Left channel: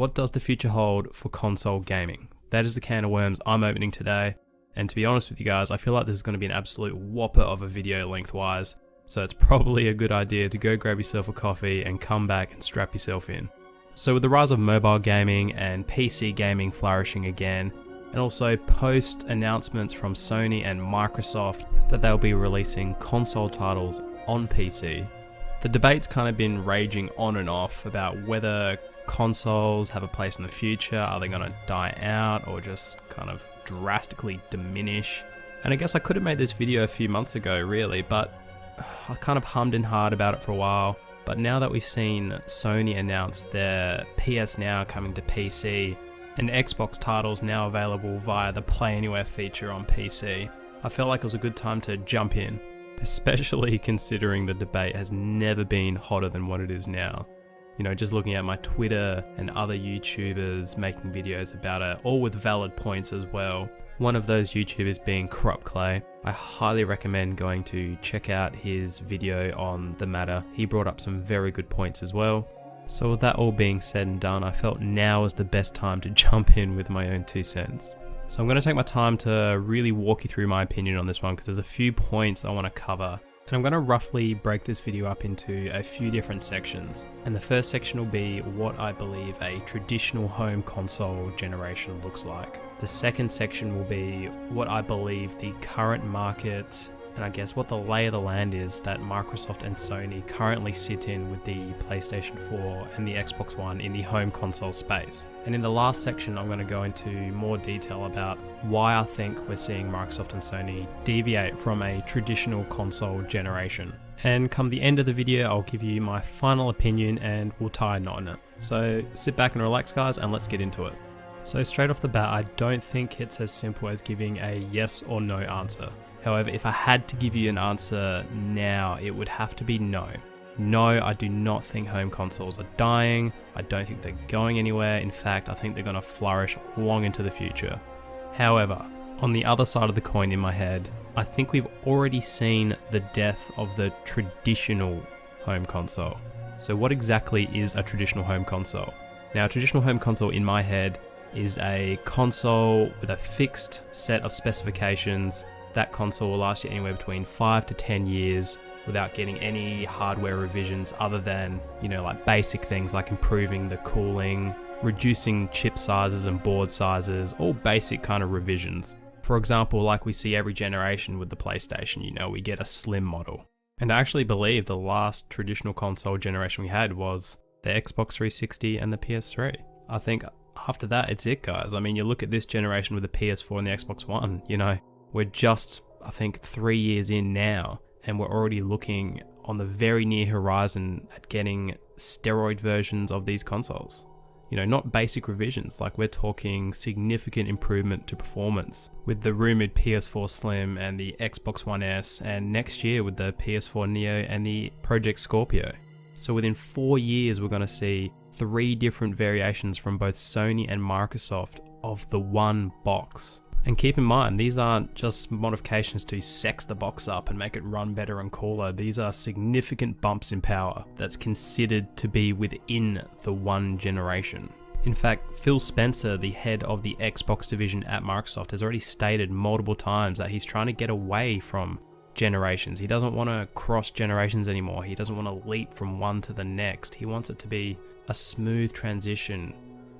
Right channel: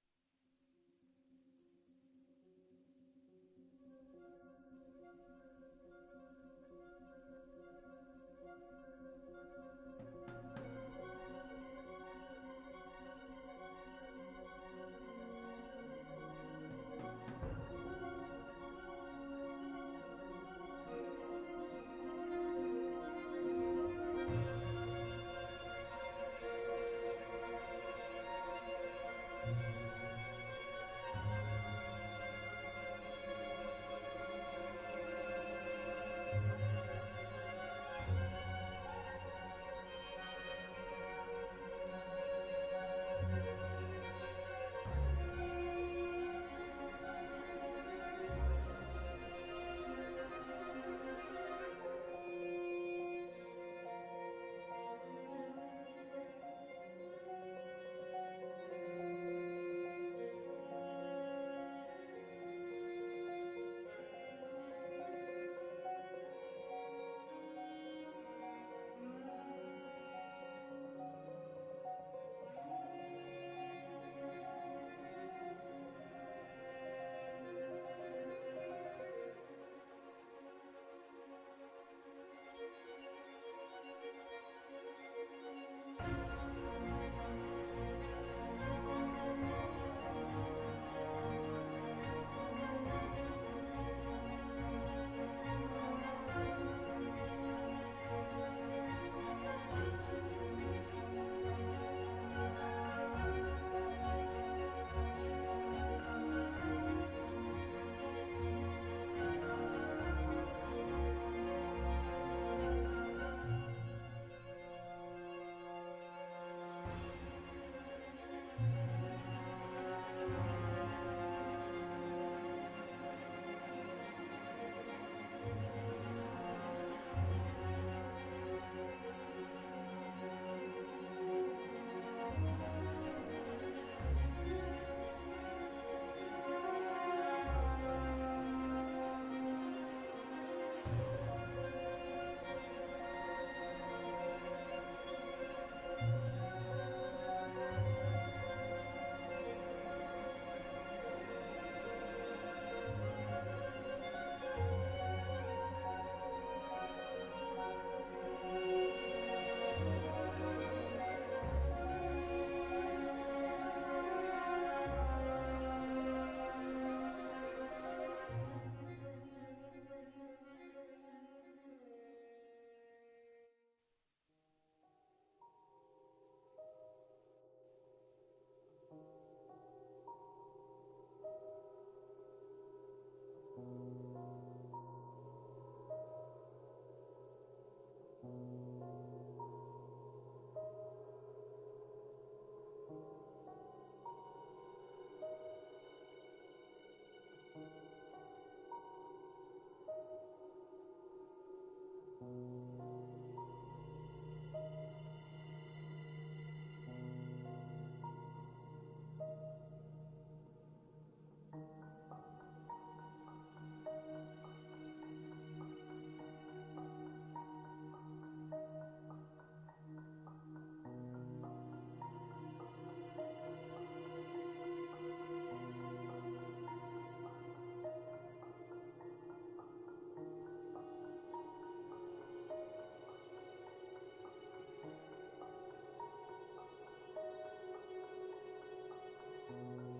what does the future hold for console gaming? That is the can of worms I'm opening today. And to be honest with you guys, I feel like this is going to be an absolute whopper of a video lengthwise. So it's probably a good idea to go grab yourself a coffee and come back and strap yourself in. So with the rise of mobile gaming and PC gaming flourishing again, and also post announcements from Sony and Microsoft that they'll be releasing console titles on PC, the debate's kind of been raging on and off about whether consoles have a place in the future. Are they going to die out or just kind of drastically diminish? And I guess I could have made this video a few months ago really, but I kind of hummed and hawed about it for a while. But now that we've seen Sony announce their PS Now coming to PC and Xbox titles now available via the Play Anywhere feature on PC, I felt like it was a good time to jump in, especially considering the debate has never been hotter than what it is now. You know, just looking at my Twitter and other YouTubers making videos about it, all with valid points as well. One of those YouTubers being Corrupt Clay. I highly recommend going to check out his video on the matter. He brought up some very good points as well. So with that all being said and done, I felt now is the best time to jump in with my own 2 cents. So I'm going to take my time to really walk you through my opinion on this one because there's a few points I want to cover. And I'm going to roughly break this video up into a few different sections. And the first section will be what I believe a traditional home console generation looks like. The second section will be what I believe the current market, and I guess what the lay of the land is that Microsoft and Sony currently sit in with the PlayStation 4 and the Xbox One in the home console space. And in the last section, I'm going to go into more detail about why I think we're seeing Microsoft and Sony deviate from a traditional console generation. And come the end of the video, I'll give you my final opinion and we'll tie a knot in it. So sit back and relax guys, and let's get into it. So straight off the bat, I don't think it's as simple as giving a yes or no answer. However, if I had to give you an answer now, it would have to be no. No, I do not think home consoles are dying. I don't think they're going anywhere. In fact, I think they're going to flourish long into the future. However, on the other side of the coin in my head, I think we've already seen the death of the traditional home console. So what exactly is a traditional home console? Now, a traditional home console in my head is a console with a fixed set of specifications. That console will last you anywhere between 5 to 10 years without getting any hardware revisions other than, like basic things like improving the cooling, reducing chip sizes and board sizes, all basic kind of revisions. For example, like we see every generation with the PlayStation, we get a slim model. And I actually believe the last traditional console generation we had was the Xbox 360 and the PS3. I think after that, it's it, guys. I mean, you look at this generation with the PS4 and the Xbox One, we're just, I think, 3 years in now, and we're already looking on the very near horizon at getting steroid versions of these consoles. Not basic revisions, like we're talking significant improvement to performance with the rumored PS4 Slim and the Xbox One S, and next year with the PS4 Neo and the Project Scorpio. So within 4 years, we're going to see 3 different variations from both Sony and Microsoft of the one box. And keep in mind, these aren't just modifications to sex the box up and make it run better and cooler. These are significant bumps in power that's considered to be within the one generation. In fact, Phil Spencer, the head of the Xbox division at Microsoft, has already stated multiple times that he's trying to get away from generations. He doesn't want to cross generations anymore. He doesn't want to leap from one to the next. He wants it to be a smooth transition.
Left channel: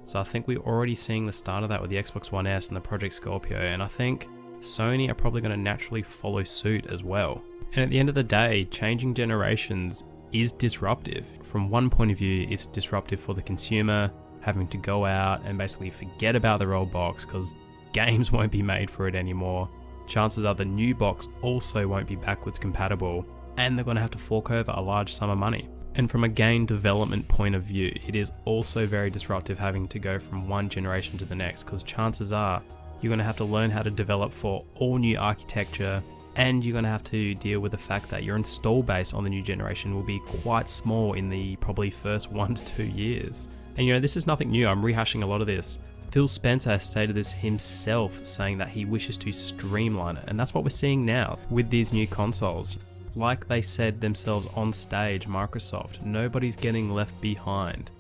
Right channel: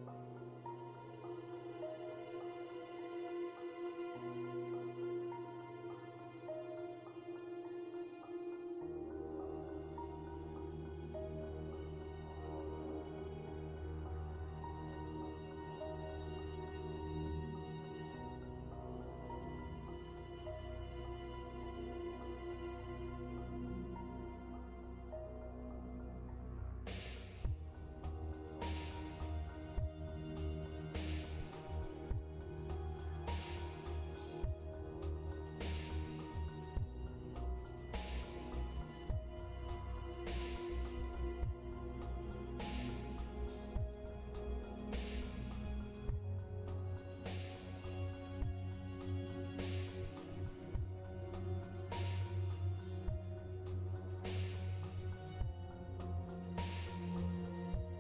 So I think we're already seeing the start of that with the Xbox One S and the Project Scorpio, and I think Sony are probably going to naturally follow suit as well. And at the end of the day, changing generations is disruptive. From one point of view, it's disruptive for the consumer, having to go out and basically forget about their old box because games won't be made for it anymore. Chances are the new box also won't be backwards compatible, and they're going to have to fork over a large sum of money. And from a game development point of view, it is also very disruptive having to go from one generation to the next, because chances are you're going to have to learn how to develop for all new architecture, and you're going to have to deal with the fact that your install base on the new generation will be quite small in the probably first 1 to 2 years. And this is nothing new. I'm rehashing a lot of this. Phil Spencer has stated this himself, saying that he wishes to streamline it, and that's what we're seeing now with these new consoles. Like they said themselves on stage, Microsoft, nobody's getting left behind.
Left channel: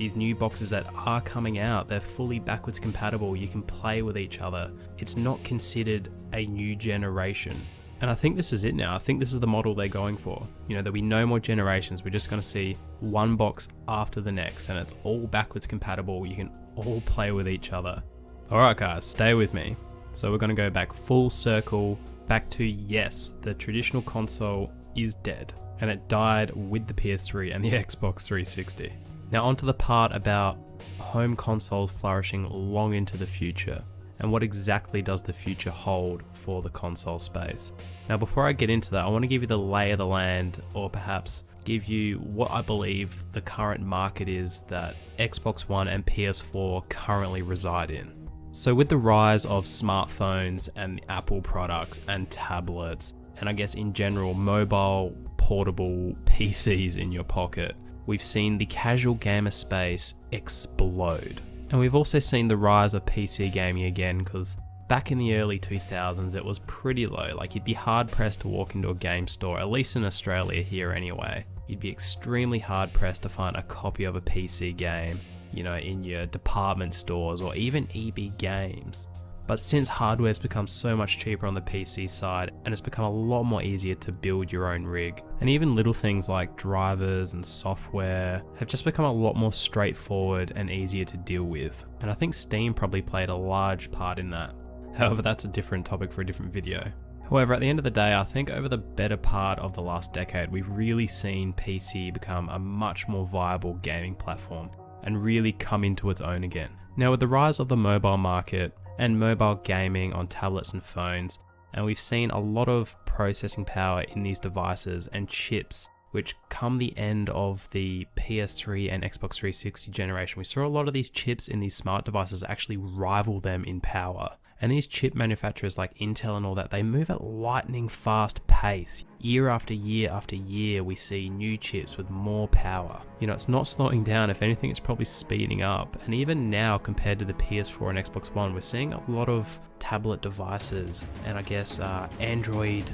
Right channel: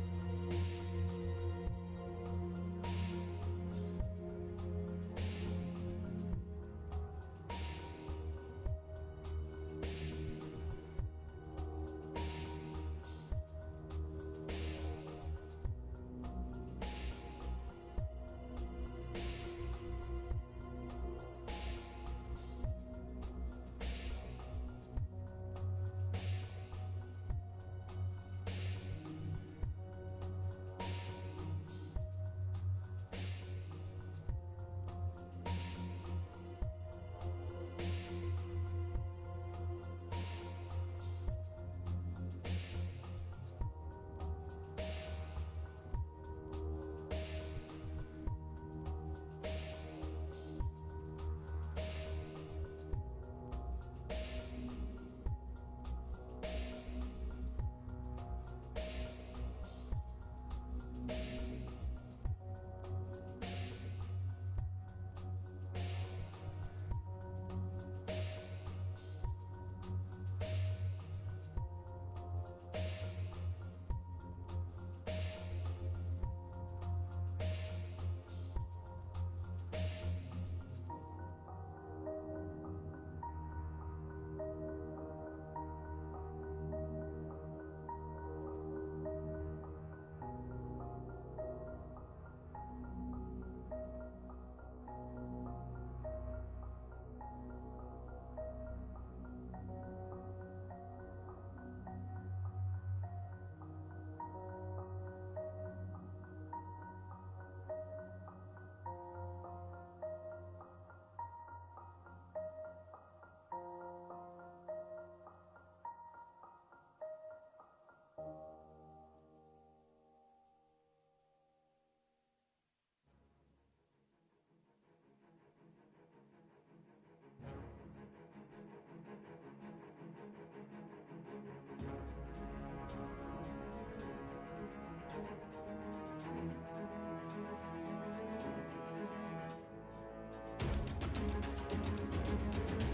these new boxes that are coming out, they're fully backwards compatible, you can play with each other. It's not considered a new generation. And I think this is it now. I think this is the model they're going for. You know, there'll be no more generations. We're just going to see one box after the next, and it's all backwards compatible. You can all play with each other. Alright guys, stay with me. So we're going to go back full circle, back to yes, the traditional console is dead. And it died with the PS3 and the Xbox 360. Now onto the part about home consoles flourishing long into the future. And what exactly does the future hold for the console space? Now before I get into that, I want to give you the lay of the land, or perhaps give you what I believe the current market is that Xbox One and PS4 currently reside in. So with the rise of smartphones and the Apple products and tablets, and I guess in general mobile portable PCs in your pocket, we've seen the casual gamer space explode. And we've also seen the rise of PC gaming again, because back in the early 2000s it was pretty low. Like, you'd be hard pressed to walk into a game store, at least in Australia here anyway. You'd be extremely hard pressed to find a copy of a PC game, you know, in your department stores or even EB Games. But since hardware's become so much cheaper on the PC side, and it's become a lot more easier to build your own rig, and even little things like drivers and software have just become a lot more straightforward and easier to deal with. And I think Steam probably played a large part in that. However, that's a different topic for a different video. However, at the end of the day, I think over the better part of the last decade, we've really seen PC become a much more viable gaming platform and really come into its own again. Now with the rise of the mobile market, and mobile gaming on tablets and phones, and we've seen a lot of processing power in these devices and chips, which come the end of the PS3 and Xbox 360 generation, we saw a lot of these chips in these smart devices actually rival them in power. And these chip manufacturers like Intel and all that, they move at lightning fast pace. Year after year after year, we see new chips with more power. You know, it's not slowing down. If anything, it's probably speeding up. And even now, compared to the PS4 and Xbox One, we're seeing a lot of tablet devices and I guess Android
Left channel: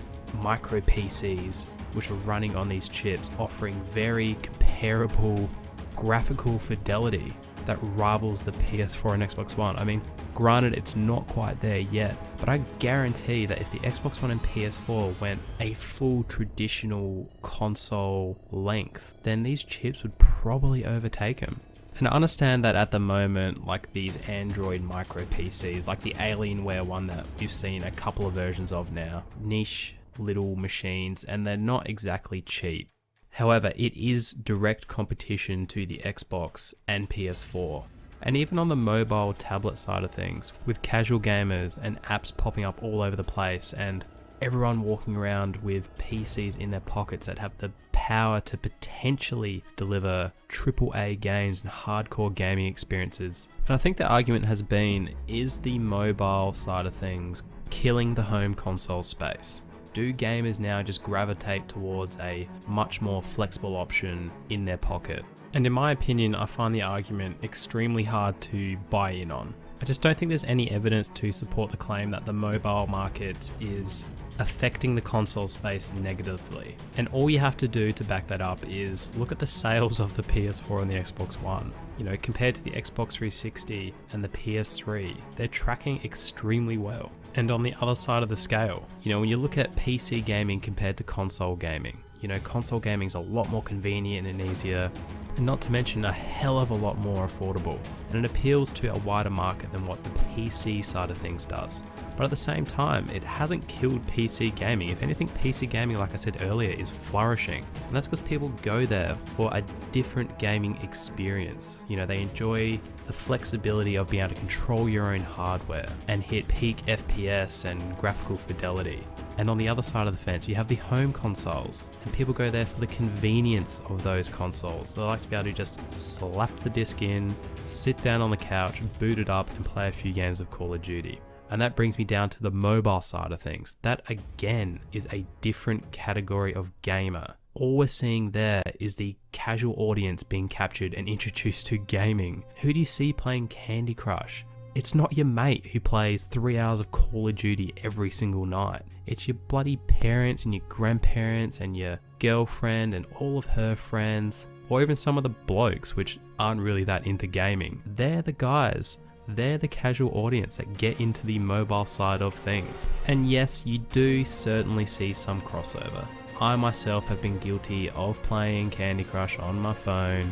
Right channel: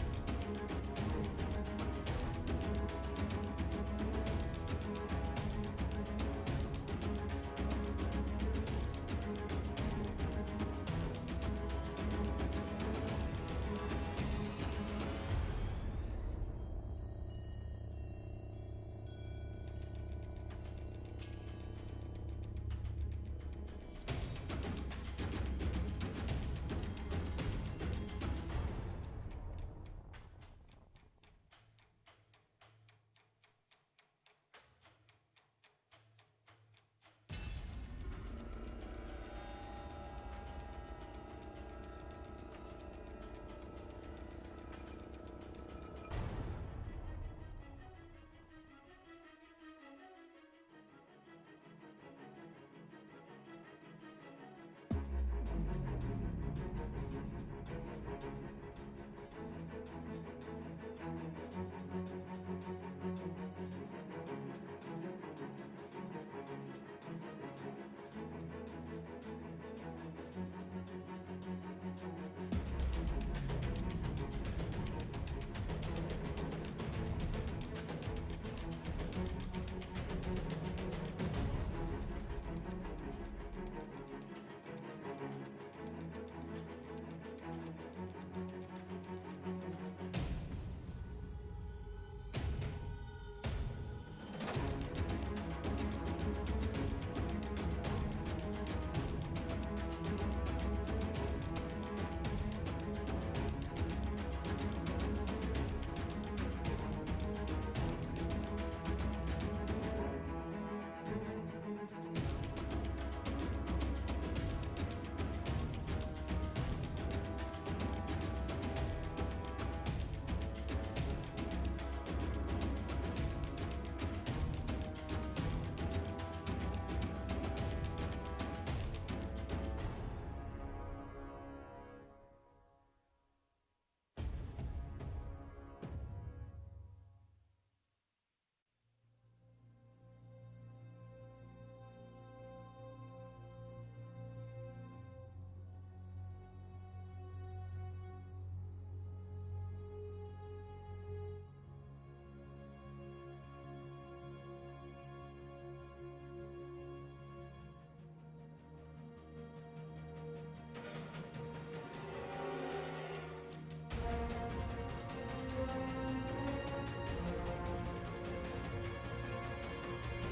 micro PCs, which are running on these chips, offering very comparable graphical fidelity that rivals the PS4 and Xbox One. I mean, granted, it's not quite there yet, but I guarantee that if the Xbox One and PS4 went a full traditional console length, then these chips would probably overtake them. And I understand that at the moment, like these Android micro PCs, like the Alienware one that we've seen a couple of versions of now, niche little machines, and they're not exactly cheap. However, it is direct competition to the Xbox and PS4. And even on the mobile tablet side of things, with casual gamers and apps popping up all over the place and everyone walking around with PCs in their pockets that have the power to potentially deliver AAA games and hardcore gaming experiences. And I think the argument has been, is the mobile side of things killing the home console space? Do gamers now just gravitate towards a much more flexible option in their pocket? And in my opinion, I find the argument extremely hard to buy in on. I just don't think there's any evidence to support the claim that the mobile market is affecting the console space negatively. And all you have to do to back that up is look at the sales of the PS4 and the Xbox One. You know, compared to the Xbox 360 and the PS3, they're tracking extremely well. And on the other side of the scale, you know, when you look at PC gaming compared to console gaming, you know, console gaming is a lot more convenient and easier, and not to mention a hell of a lot more affordable. And it appeals to a wider market than what the PC side of things does. But at the same time, it hasn't killed PC gaming. If anything, PC gaming, like I said earlier, is flourishing. And that's because people go there for a different gaming experience. You know, they enjoy the flexibility of being able to control your own hardware and hit peak FPS and graphical fidelity. And on the other side of the fence, you have the home consoles, and people go there for the convenience of those consoles. They like to be able to just slap the disc in, sit down on the couch, boot it up, and play a few games of Call of Duty. And that brings me down to the mobile side of things. That again is a different category of gamer. All we're seeing there is the casual audience being captured and introduced to gaming. Who do you see playing Candy Crush? It's not your mate who plays 3 hours of Call of Duty every single night. It's your bloody parents and your grandparents and your girlfriend and all of her friends. or even some of the blokes which aren't really that into gaming. They're the guys. They're the casual audience that get into the mobile side of things. And yes, you do certainly see some crossover. I myself have been guilty of playing Candy Crush on my phone,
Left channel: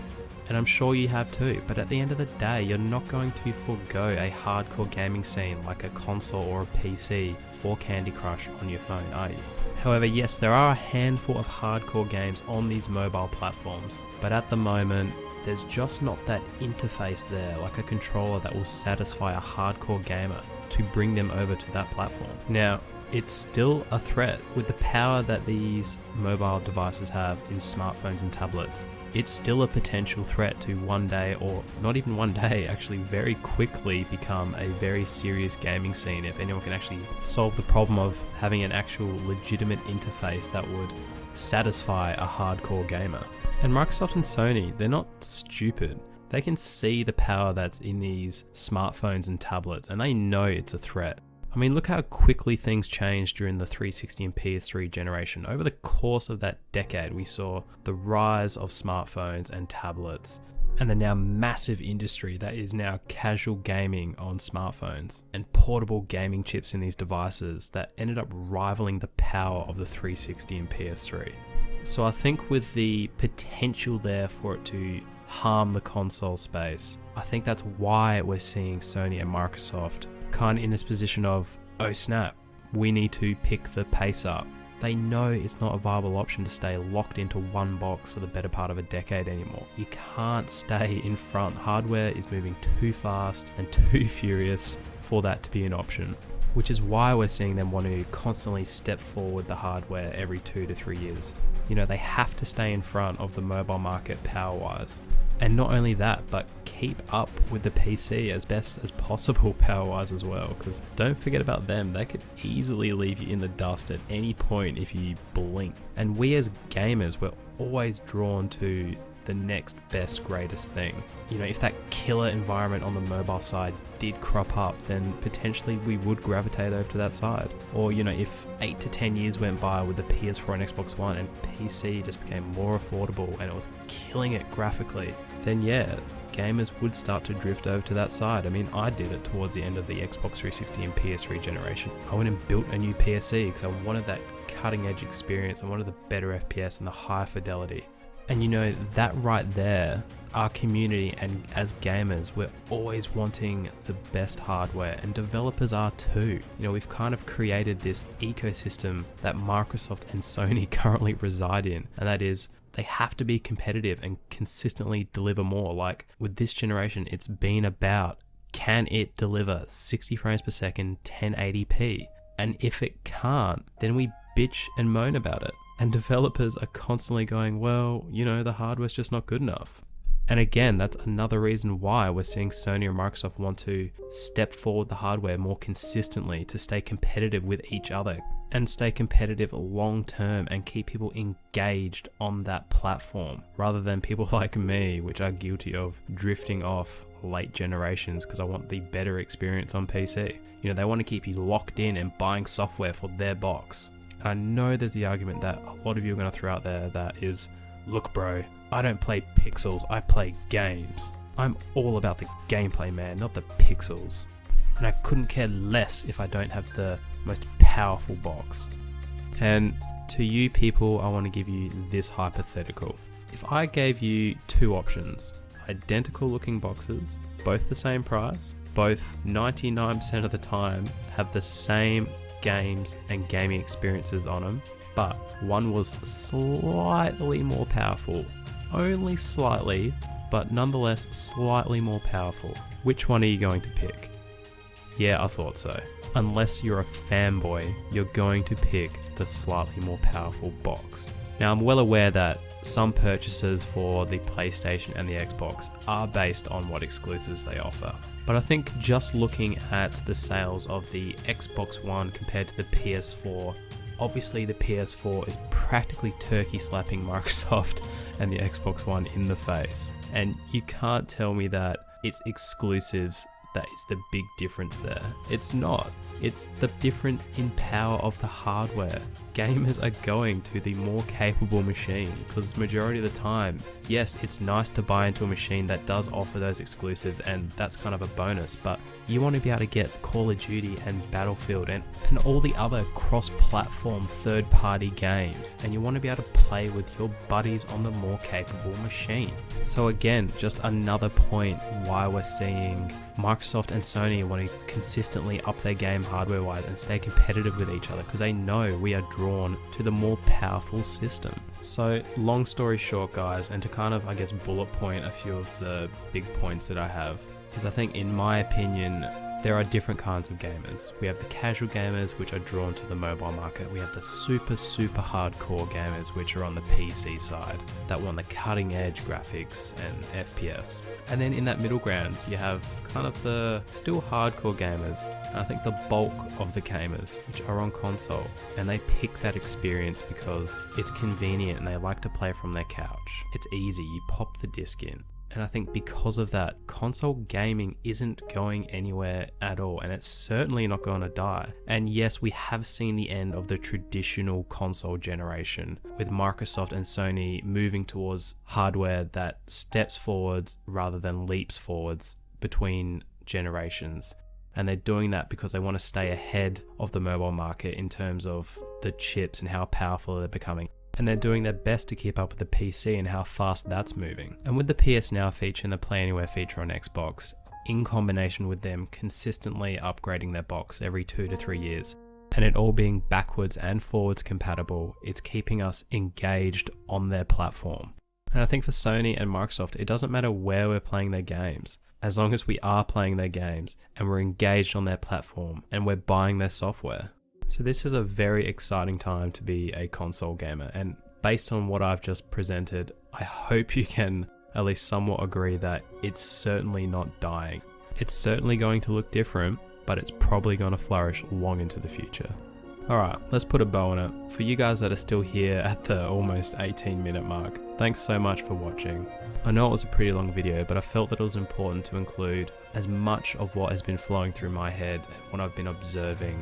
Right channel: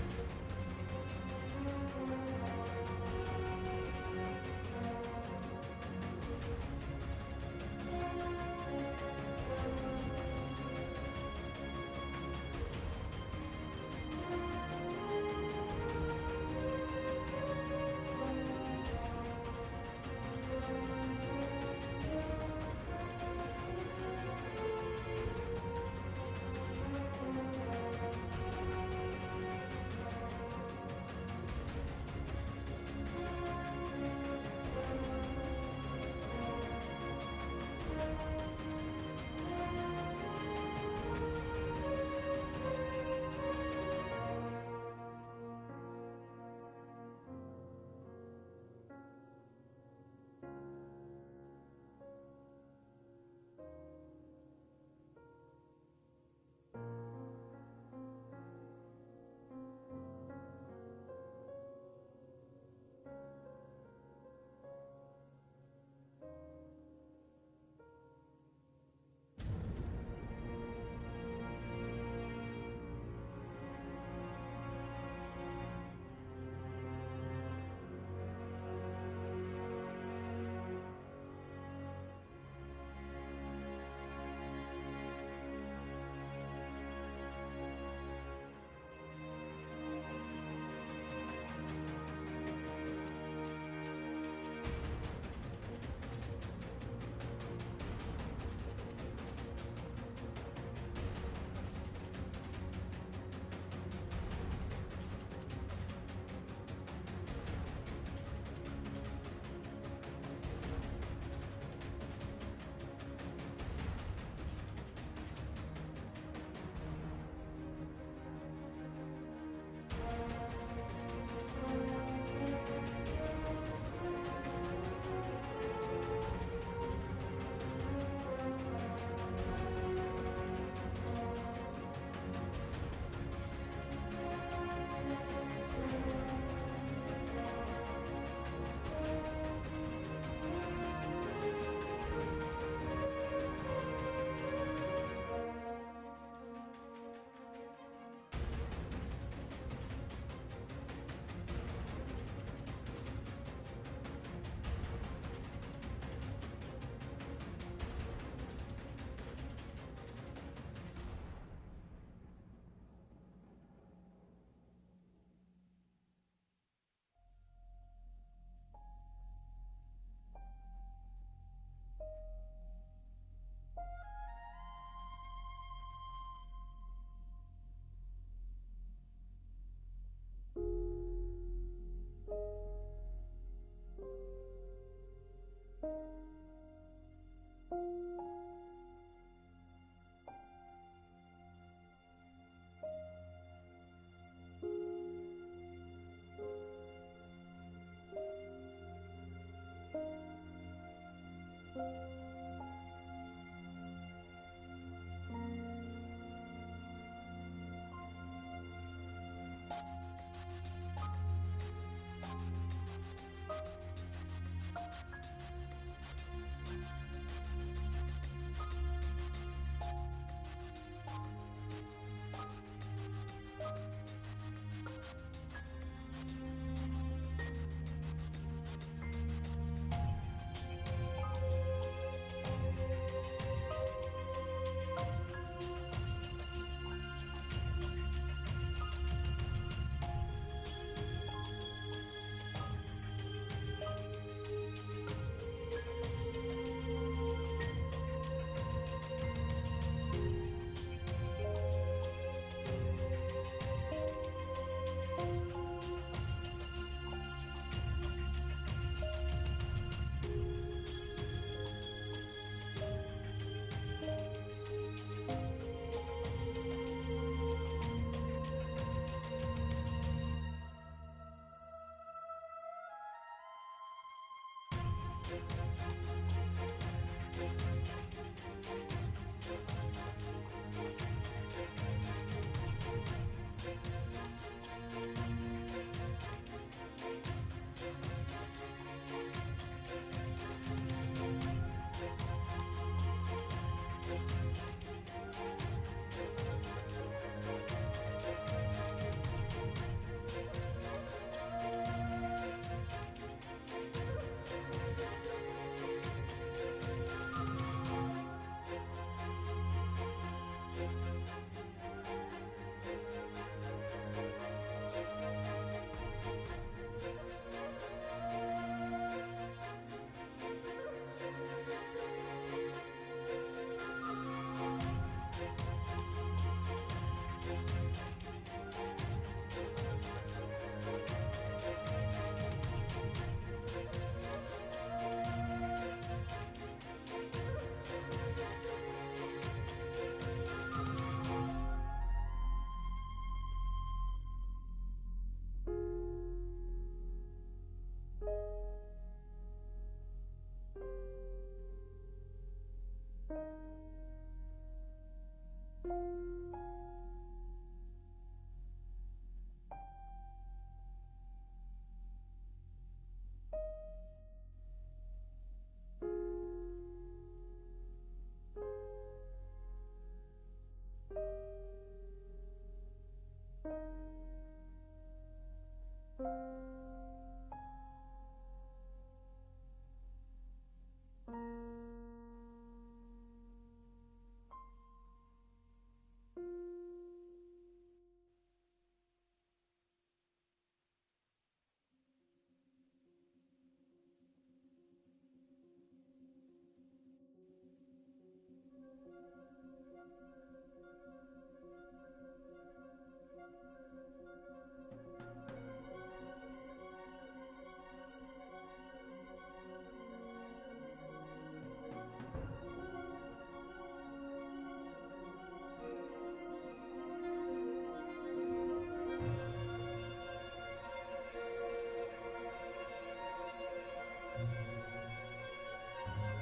and I'm sure you have too, but at the end of the day, you're not going to forego a hardcore gaming scene like a console or a PC for Candy Crush on your phone, are you? However, yes, there are a handful of hardcore games on these mobile platforms, but at the moment, there's just not that interface there, like a controller that will satisfy a hardcore gamer to bring them over to that platform. Now, it's still a threat with the power that these mobile devices have in smartphones and tablets. It's still a potential threat to one day, or not even one day, actually very quickly become a very serious gaming scene if anyone can actually solve the problem of having an actual legitimate interface that would satisfy a hardcore gamer. And Microsoft and Sony, they're not stupid. They can see the power that's in these smartphones and tablets, and they know it's a threat. I mean, look how quickly things changed during the 360 and PS3 generation. Over the course of that decade, we saw the rise of smartphones and tablets, and the now massive industry that is now casual gaming on smartphones, and portable gaming chips in these devices that ended up rivaling the power of the 360 and PS3. So I think with the potential there for it to harm the console space, I think that's why we're seeing Sony and Microsoft kind of in this position of, oh snap, we need to pick the pace up. They know it's not a viable option to stay locked into one box for the better part of a decade anymore. You can't stay in front. Hardware is moving too fast and too furious for that to be an option, which is why we're seeing them want to constantly step forward the hardware every 2 to 3 years. You know, they have to stay in front of the mobile market power-wise. And not only that, but keep up with the PC as best as possible power-wise as well, because don't forget about them. They could easily leave you in the dust at any point if you blink. And we as gamers, we're always drawn to the next best, greatest thing. You know, if that killer environment on the mobile side did crop up, then potentially we would gravitate over to that side. Or, you know, if 8 to 10 years went by with the PS4 and Xbox One and PC just became more affordable and it was killing it graphically, then yeah, gamers would start to drift over to that side. I mean, I did it towards the end of the Xbox 360 and PS3 generation. I went and built a new PSC because I wanted that cutting edge experience. I wanted the better FPS and the high fidelity. And you know, that right there, our community and as gamers, we're always wanting the best hardware, and developers are too. You know, we've kind of created this ecosystem that Microsoft and Sony currently reside in, and that is they have to be competitive and consistently deliver more. Like with this generation, it's been about, can it deliver 60 frames per second, 1080p? And if it can't, then we bitch and moan about it. And developers are constantly going, well, you know, the hardware's just not good enough. And again, that's another reason why we're seeing Sony and Microsoft want to step forward the hardware more consistently to stay competitive with each other and stay competitive long term and keep people engaged on that platform, rather than people like me, which are guilty of drifting off late generations because I want the better experience on PC. You know, they want to keep you locked in and buying software for their box. I know there's the argument that a lot of you are going to throw out there that is, look bro, I don't play pixels, I play games. I'm all about the gameplay, man, not the pixels. And I couldn't care less if I don't have the most powerful box. And to you people, I want to give you this hypothetical. If I gave you two options, identical looking boxes, both the same price, both 99% of the time have the same games and gaming experiences on them, but one was slightly more powerful, only slightly, but nonetheless slightly more powerful, which one are you going to pick? Yeah, I thought so. Unless you're a fanboy, you're going to pick the slightly more powerful box. Now, I'm well aware that some purchases for the PlayStation and the Xbox are based on what exclusives they offer. But I think just looking at the sales of the Xbox One compared to the PS4, obviously the PS4 is practically turkey slapping Microsoft and the Xbox One in the face. And you can't tell me that its exclusives that is the big difference there. It's not. It's the difference in power of the hardware. Gamers are going to the more capable machine because majority of the time, yes, it's nice to buy into a machine that does offer those exclusives and that's kind of a bonus, but you want to be able to get Call of Duty and Battlefield and all the other cross-platform third-party games, and you want to be able to play with your buddies on the more capable machine. So again, just another point why we're seeing Microsoft and Sony want to consistently up their game hardware-wise and stay competitive with each other because they know we are drawn to the more powerful system. So long story short, guys, and to kind of, I guess, bullet point a few of the big points that I have, is I think, in my opinion, there are different kinds of gamers. We have the casual gamers, which are drawn to the mobile market. We have the super hardcore gamers, which are on the PC side, that want the cutting edge graphics and FPS. And then in that middle ground, you have kind of the still hardcore gamers. And I think the bulk of the gamers, which are on console, and they pick that experience because it's convenient and they like to play from their couch. It's easy, you pop the disc in. And I think because of that, console gaming isn't going anywhere at all, and it's certainly not going to die. And yes, we have seen the end of the traditional console generation, with Microsoft and Sony moving towards hardware that steps forwards rather than leaps forwards between generations. And they're doing that because they want to stay ahead of the mobile market in terms of the chips and how powerful they're becoming. And they're doing their best to keep up with the PC and how fast that's moving. And with the PS Now feature and the Play Anywhere feature on Xbox, in combination with them consistently upgrading their box every 2 to 3 years, and it all being backwards and forwards compatible, it's keeping us engaged on their platform. And I think for Sony and Microsoft, it doesn't matter where we're playing their games, as long as we are playing their games and we're engaged on their platform and we're buying their software. So this is a very exciting time to be a console gamer, and based on what I've just presented, I hope you can at least somewhat agree that it's certainly not dying. It's certainly going to look different, but it's probably going to flourish long into the future. Alright, let's put a bow on it. For you guys that are still here at the almost 18-minute mark, thanks so much for watching. I know it was a pretty long video, but I felt that it was important to include as much of what has been flowing through my head and what I've been observing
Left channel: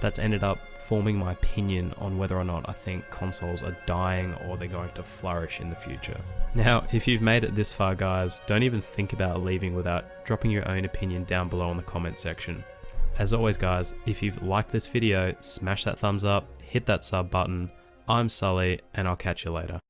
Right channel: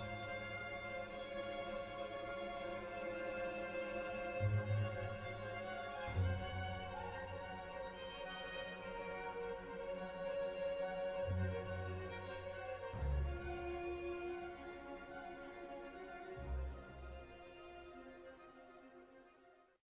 that's ended up forming my opinion on whether or not I think consoles are dying or they're going to flourish in the future. Now, if you've made it this far, guys, don't even think about leaving without dropping your own opinion down below in the comment section. As always, guys, if you've liked this video, smash that thumbs up, hit that sub button. I'm Sully, and I'll catch you later.